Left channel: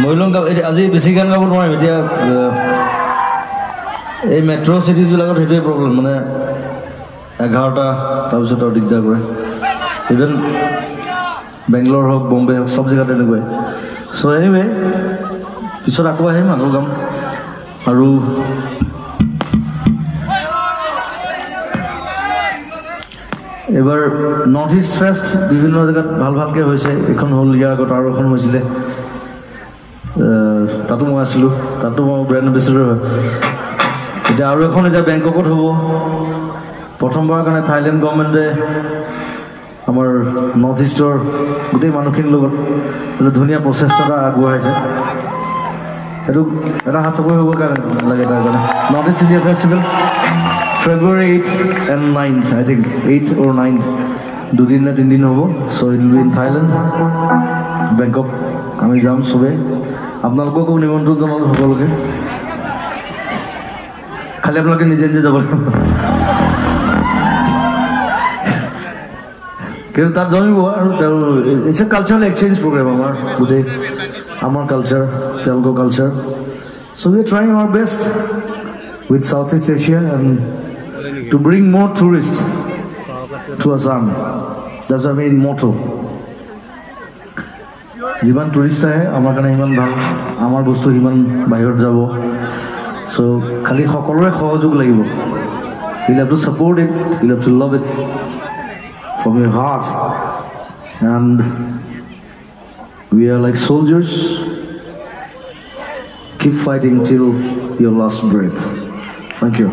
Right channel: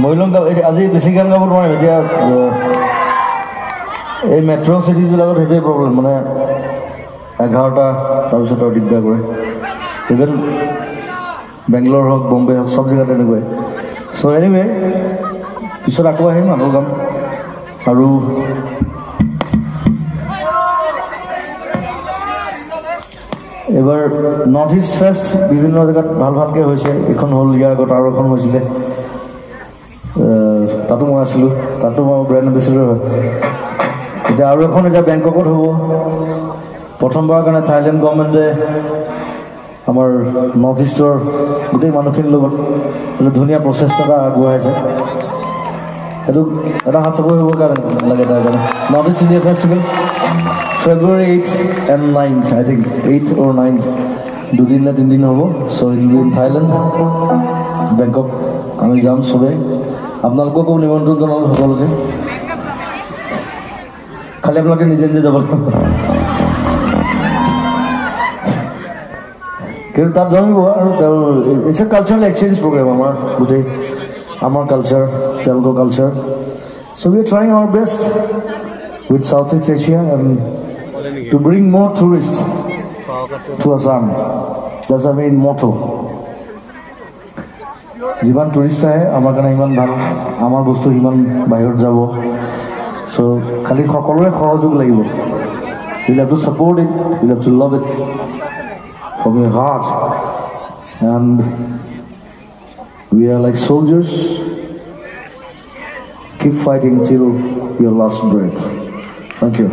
মইলং আজি বেছি গান গাব নোৱাৰিম এতিয়া এই মেট্ৰ' চিটিজবিলাকত সেইটোৱে প্ৰব্লেম মানে 11টা তাৰপিছত আৰু দিগদাৰ কৰে ইভেন বেংগলোৰ হওক বম্বে হওক চব জেগাত এনেকুৱাই চ' এনিৱে পিছত আকৌ আহিম আকৌ গাম আৰু এবাৰ নৰ্থ ইষ্ট ফেষ্ট বিভিন্ন জেগাত ভাল ভালকৈ হৈছে এইখন হ'ল ইয়াৰ আগত আৰু এখন হৈছিলে তাতো মই আছিলোঁ তাতো মই ব্ৰেণ্ড এম্বেচেডৰ হয় এতিয়া আৰু এখন এতিয়া বেংককত হ'ব প্ৰথমবাৰৰ কাৰণে থাইলেণ্ড গভৰ্ণমেণ্টে আমাৰ নৰ্থ ইষ্টৰ গোটেই মানুহখিনিৰ লগত এটা ধুনীয়া প্ৰচেষ্টা এটা আগবঢ়াইছে এইটো এটা হাত চাপৰি হ'বৰ কাৰণে লাগে তাৰ কাৰণে north east India festival February 8th and 9th, I think 8th or 9th. 2 দিন না 3 দিন হবো. So it will be in Thailand, Bangkok. আমি যাম সবে. আপোনালোককো নিমন্ত্ৰণ জনালো সকলোকে. খালি আপোনালোকে নিজে নিজে যাব লাগিব. কিন্তু তাত জমিব আৰু it's a cultural exchange program আমাৰ culture, Telugu culture. So we are trying our best with Southeast Asia and to bring more tourists to Assam. That's our main motto. যিমান টুৰিষ্ট আহে আমাৰ কাৰণে ইমান ভাল আমাৰ বস্তু ইমান বাহিৰত যাব so খালি সকলোৰে সহযোগ লাগিব you have to support it you have to love it from your heart and we are like soldiers keep fighting till your last breath. Thank you.